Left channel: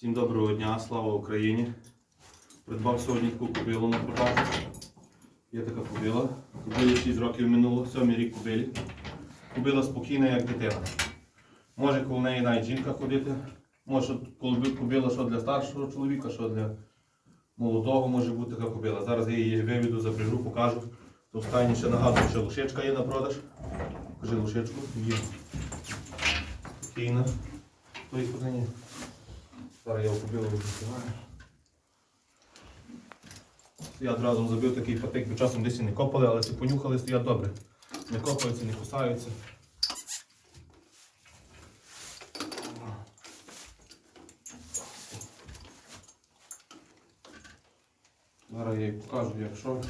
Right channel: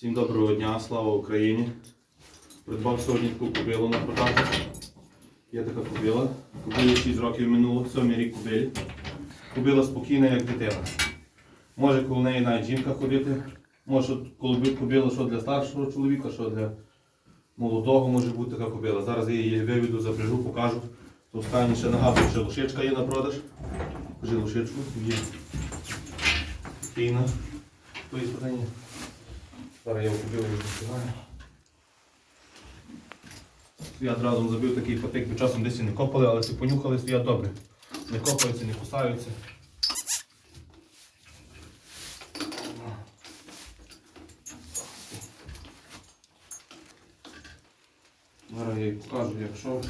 Всім доброго дня, слава Україні. Придбав сьогодні таку кобилу на продажу. Є така кобила. Кобилі 6 років минуло, сьомий рік кобилі. Кобила спокійна, як дитина. Може коло неї навіть жінка ходити. Може коли кобила що для старшого чоловіка, що для молодого може бути така кобила. Зараз я її виведу, запряжу, покажу. То в ще нагадую, що лошичка є на продаж. Покажи лошичку, є. Спокійно. Зараз я купив і відкриваю. Я одразу забив такий патик, бо часом десь і не копали, але ці понюхали, стоять добре. Не копаються, не кусаються. Зараз я їй покажу, якщо.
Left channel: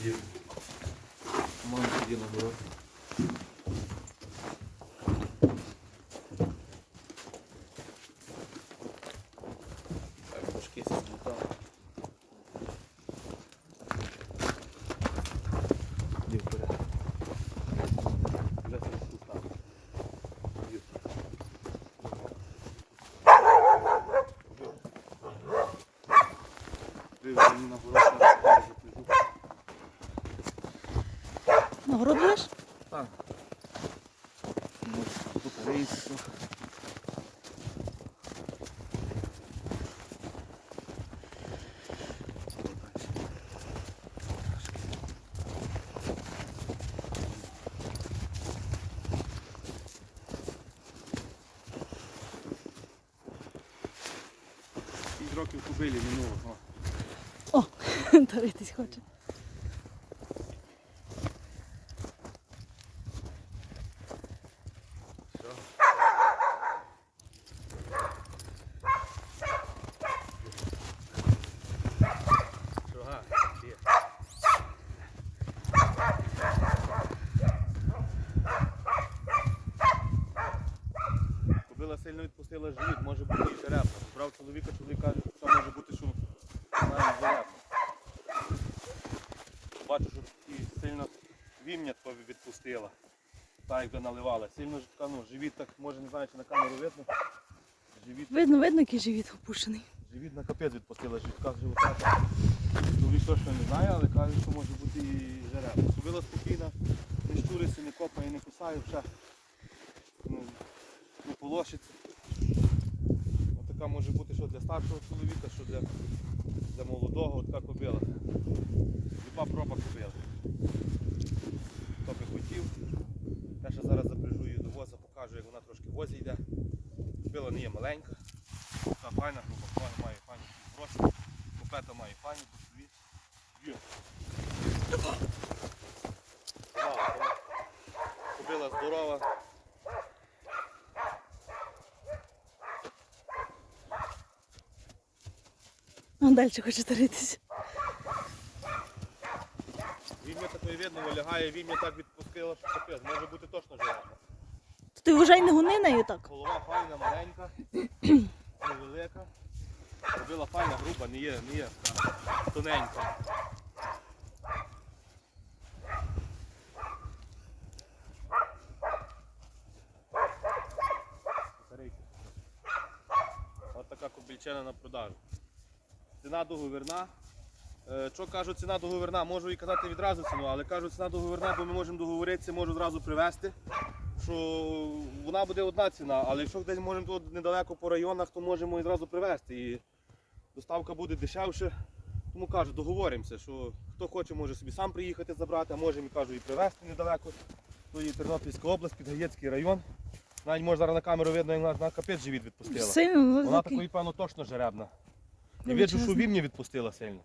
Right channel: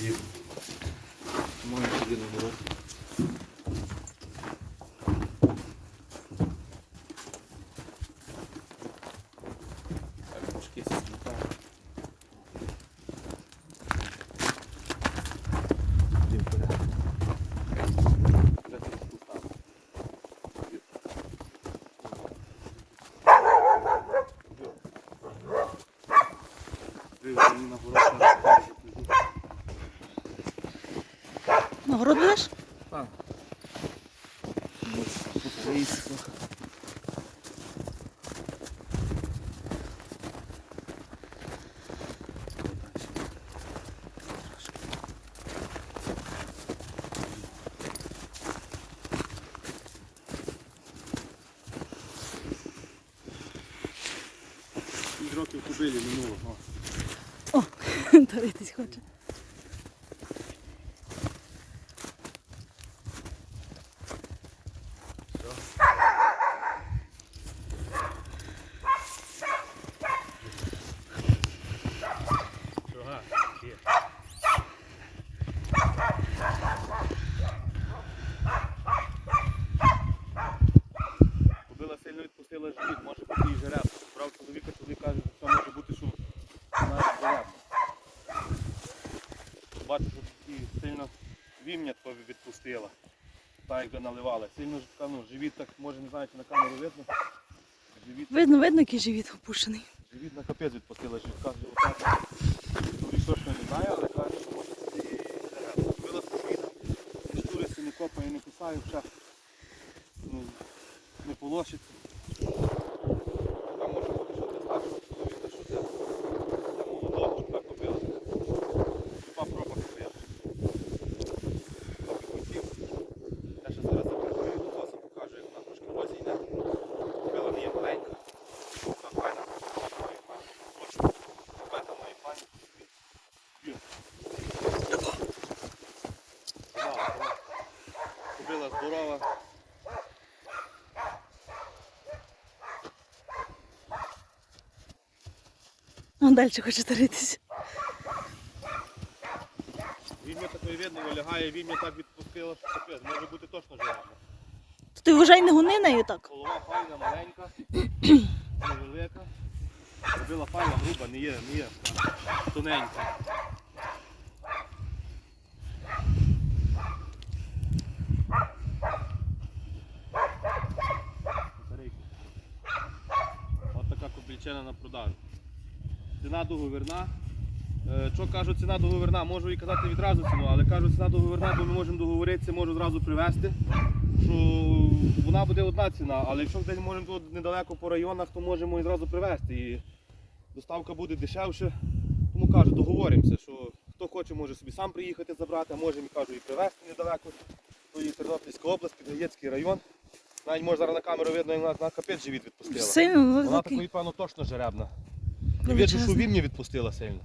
Є. Може тоді набирати. Так, трошки сідати. Іди вперед. Вже ти спустав. Є. Вивели мені на город, зараз покажу, запряжу. Нагород будеш? Так. Ось тут рейс трохи. Що далі? Трошки. Шість років кубилі минуло. о. О, дивитись хоче. Все. Ага, є. Кобила сильно відпустила живіт, може бути і жеребна. Брав чоловіка, чоловік каже, що може бути, що вона і жеребна. Бачу, що такі сильно вім'я таке відпустила. Так якби наливала. Сильно ж така, ну, живіт так, може не знаю, чи на камеру видно. Живіт, Видно, видно, який живіт опущений. живіт на капець відпустила, живітка живота. Чоловік точно не знає, але каже, що може бути і жеребна. Била спокійно, не щуриться, не копає, не кусає, все. Ну, не полощиться. Така може бути, що для старшого чоловіка, що для, для молодого така кобила. Два пропаси стоять. Трохи хотів. Я ще зараз запрягаю до носа, покажу, як вона трошки в возі йде. Кобила не є маленька. Там файна, копета має файну просто. Копета має файну, дві. Дві. Помала, помала. Кобила здорова. А далі хоче дивитись. Вім'я такої видно, вилягає, вім'я так відпустила, капець. Може бути точно. То ти вважай не гони нею так. Голова файна, маленька, невелика. Робила файна, груба, не є, не є така тоненька. От така кобільчина на продажу. Ціна договірна. Е, Що кажу, ціна договірна, можу і казати відразу ціну, але кажу, ціна договірна, бо ми можемо договоритися, можу одразу привезти що вона буде одна ціна, але якщо десь можемо тут недалеко по районах, то можемо і одразу привезти. І доставка буде дешевше. Тому кажу, договоримося, що хто хоче, може собі сам приїхати забрати, а можемо кажу, і привезти недалеко. То є Тернопільська область, Підгаєцький район. Навіть може зараз на камеру видно, як вона на капець живіт відпустила. Вона такої, певно, точно жеребна. І видно, що вільні відпустила сильно.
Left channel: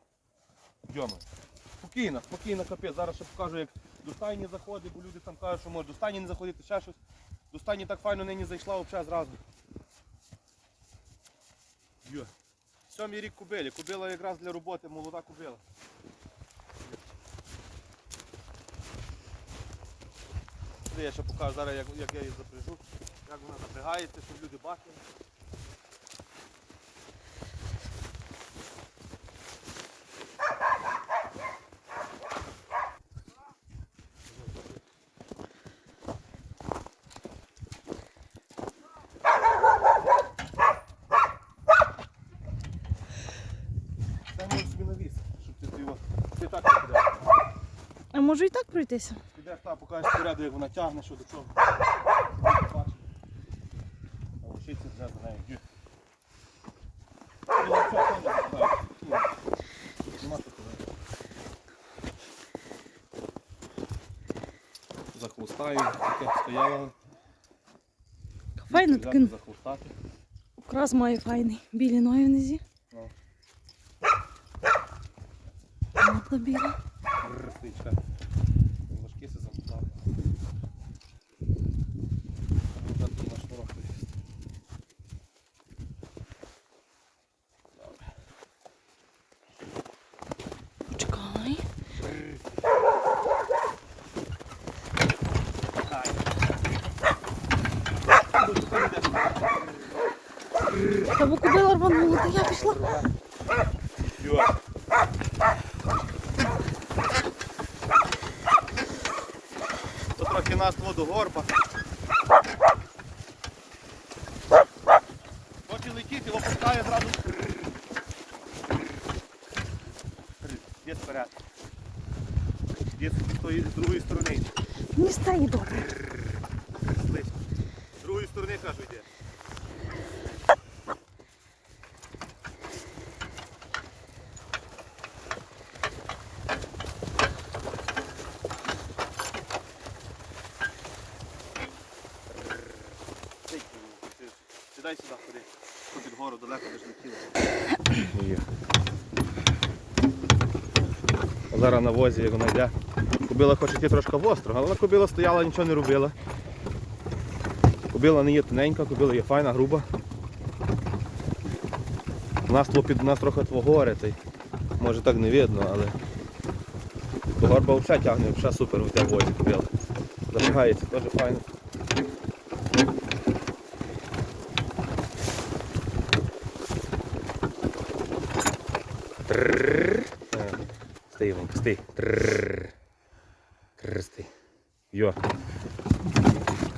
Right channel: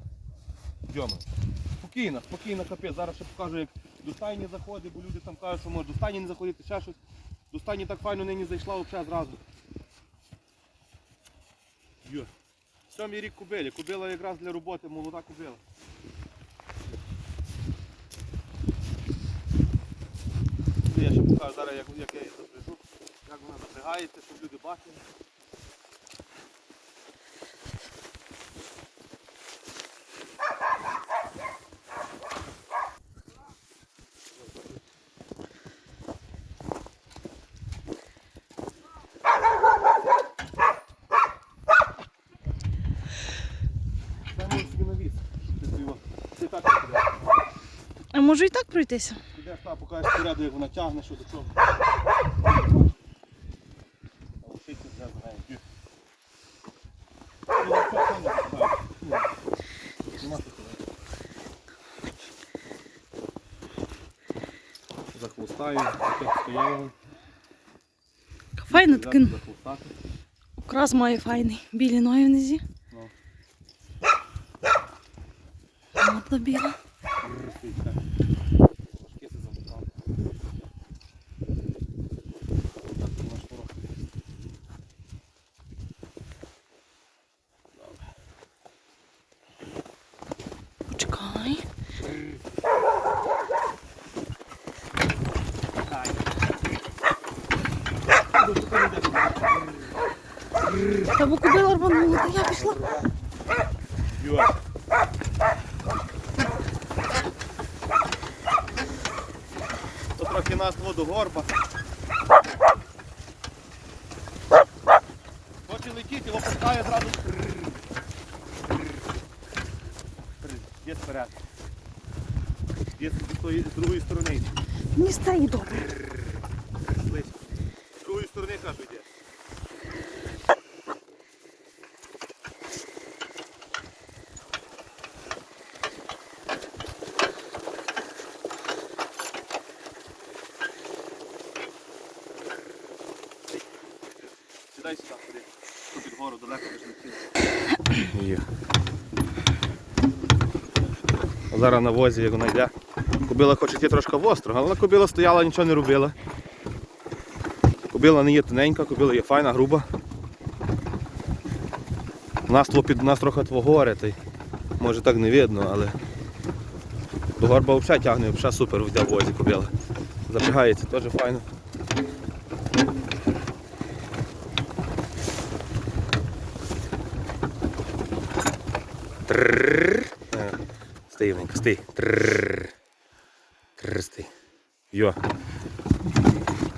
Йома. Спокійно, спокійно, капець. Зараз ще покажу, як до стайні заходить, бо люди там кажуть, що може до стайні не заходити, ще щось. До стайні так файно нині зайшла взагалі зразу. Йо. Сьомий рік кубилі. Кубила якраз для роботи, молода кубила. Я ще покажу зараз, як, як я її запряжу, як вона запрягається, щоб люди бачили. А можу і так пройтися? Підеш та покажеш поряду, як вона тягне, що до чого. А лишити не за нею. Захлустаю, таке стояло. Файно захлустати. окрас має файний. Білі ноги внизі. Ну. Біла. Бррр, ти, чекай. Важке це замотав. Так, ти маєш ворог тут. Почекай. Та бо кубила рванула, я пішла. То трохи нас до горба. Хоче летіти, опускає зразу. Є вперед. Є з другої сторони. Мені стає добре. Сідай сюди, ходи. Тут під гору далеко не летіло. Зараз на возі, як вона йде. Кобила хоче йти трошки востро, але кобила стояла, нічого не робила. Кобила не є тоненька, кобила є файна, груба. У нас, тво під, у нас трохи твого горе, та може так не видно, але горба взагалі тягне, взагалі супер в возі кобила. Запрягається теж файно. Стій, Ленька, стій. Стій. Йо.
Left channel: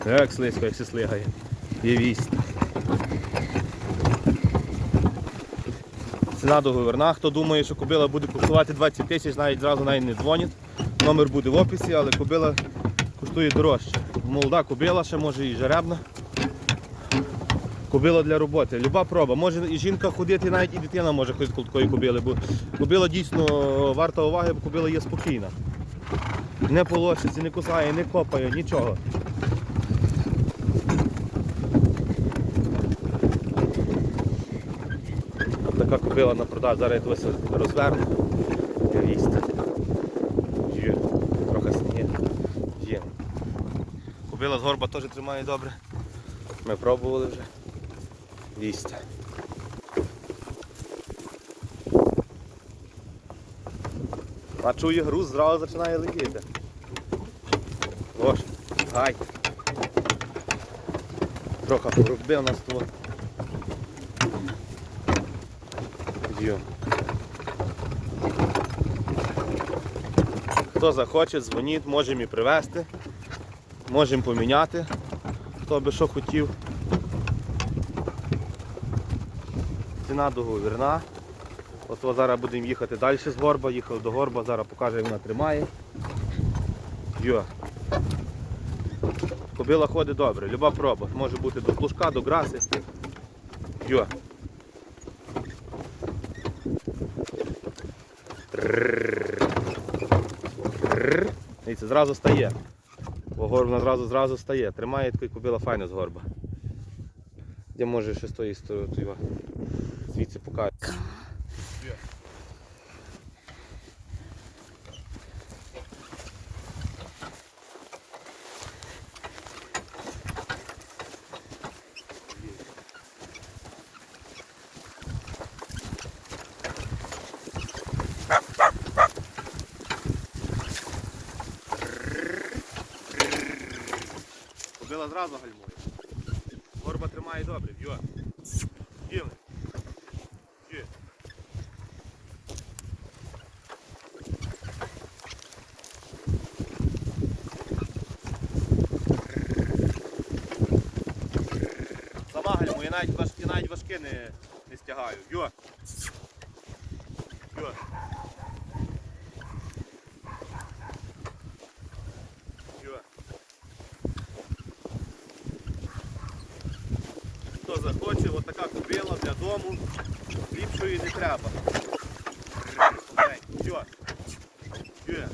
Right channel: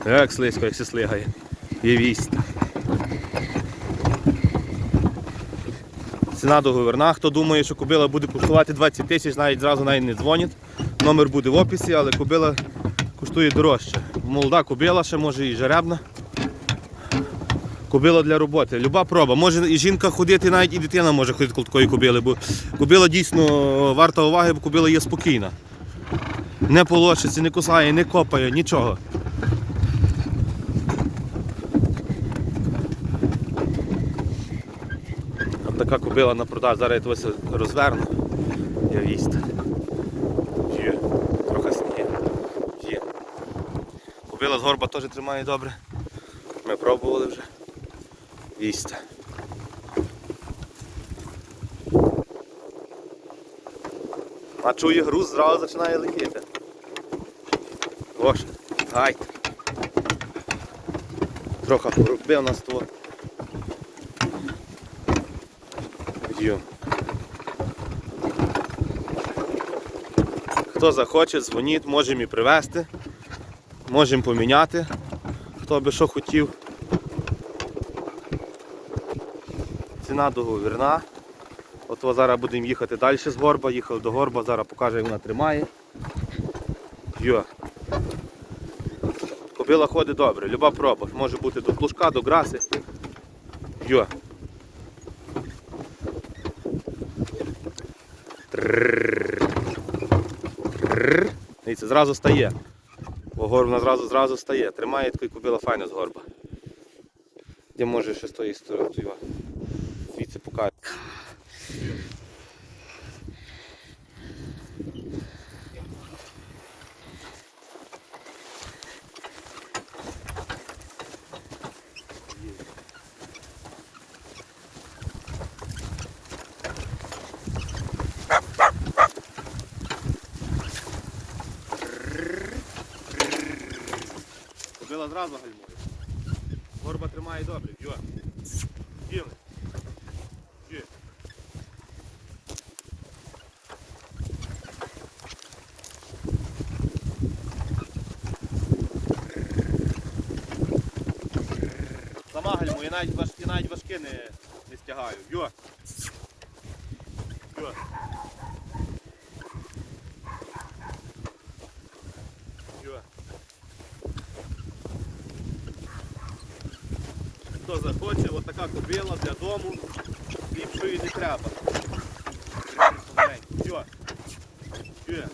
Як слизько, як все слигає. Є вість. Ціна договірна. Хто думає, що кобила буде коштувати 20 тисяч, навіть зразу навіть не дзвонять. Номер буде в описі, але кобила коштує дорожче. Молода кобила, ще може і жеребна. Кобила для роботи. Люба проба. Може і жінка ходити, навіть і дитина може ходити коло такої кобили, бо кобила дійсно варта уваги, бо кобила є спокійна. Не полощиться, не кусає, не копає, нічого. Така кобила на продаж. Зараз я тебе розверну. Я вість. Є. Трохи сніг. Є. Кобила з горба теж тримає добре. Ми пробували вже. Вість. А чує груз, зразу починає летіти. Ось, гай. Трохи порубив нас тут. Йо. Хто захоче, дзвоніть, можемо і привезти, можемо поміняти, хто би що хотів. Ціна договірна. От зараз будемо їхати далі з горба, їхали до горба, зараз покажу, як вона тримає. Йо. Кобила ходить добре, люба проба. Може бути до плужка, до граси. Йо. Дивіться, зразу стає. Горбна зразу зразу стає. Тримає такий кобила файно з горба. Де може ще з тої сторони звідси. Кобила зразу гальмує. Горба тримає добре. Йо. Діли. навіть важкі, навіть важки не, не стягаю. Йо! Йо! Хто захоче, отака така купила для дому, ліпшої не треба. Йо! Йо!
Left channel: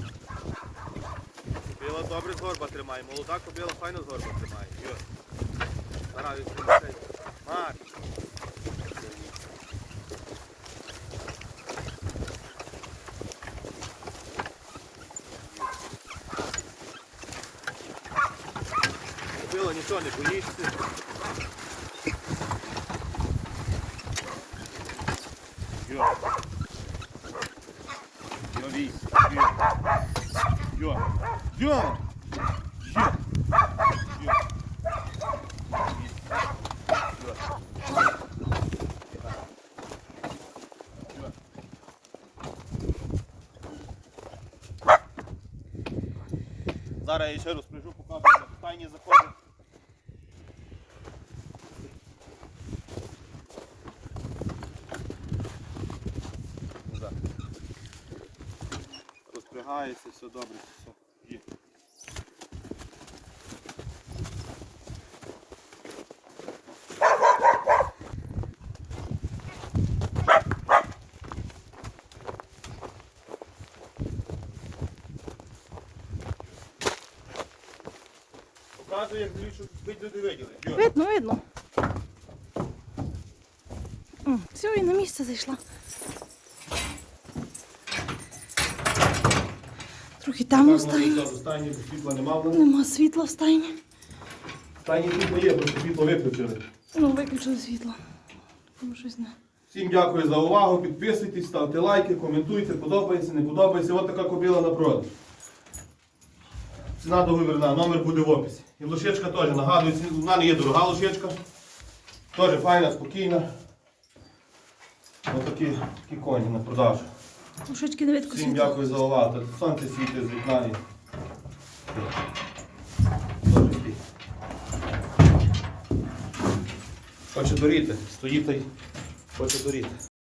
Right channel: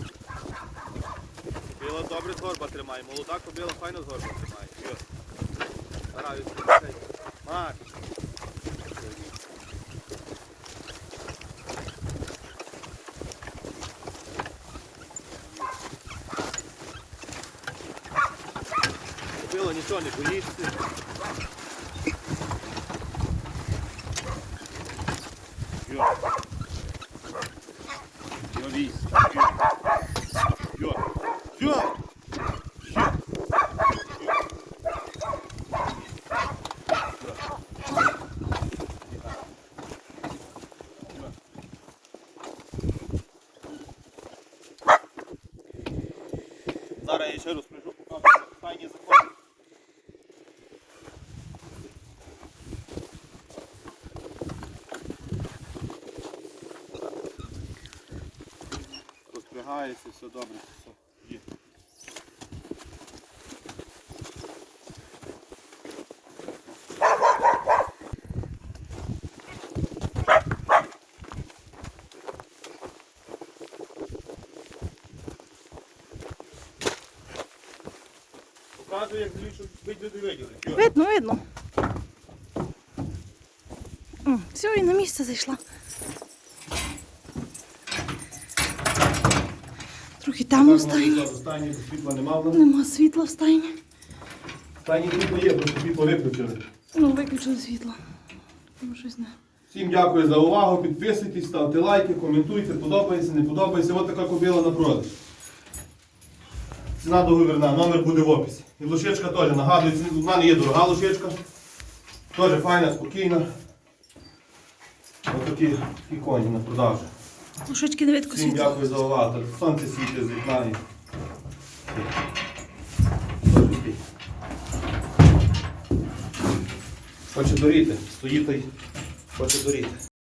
Добре згорба тримає, молода кобила файно згорба тримає. Стараюсь тримати. Кобила не боїшся. Йо. Йо, вісь. Йо. Йо. Йо. Йо. Зараз я ще раз прийшов, покажу, тайні заходи. Так. Розпрягається, все добре, все є. Показує, як бить люди виділи. Видно, видно. Все, і на місце зайшла. Трохи темно в стайні. Світла нема в мене. Нема світла в стайні. Останні світло є, просто світло виключили. Ну, виключили світло. Тому щось не. Всім дякую за увагу. Підписуйтесь, ставте лайки, коментуйте, подобається, не подобається. Ось така кобила на продаж. Ціна договірна, номер буде в описі. І лошечка теж нагадую, ці- в мене є дорога лошечка. Теж файна, спокійна. Ось такі, такі коні на продажу. Лошечки на видко Всім дякую за увагу. Сонце світить з вікна. і-. Хоче доріти, Стоїти. хоче доріти.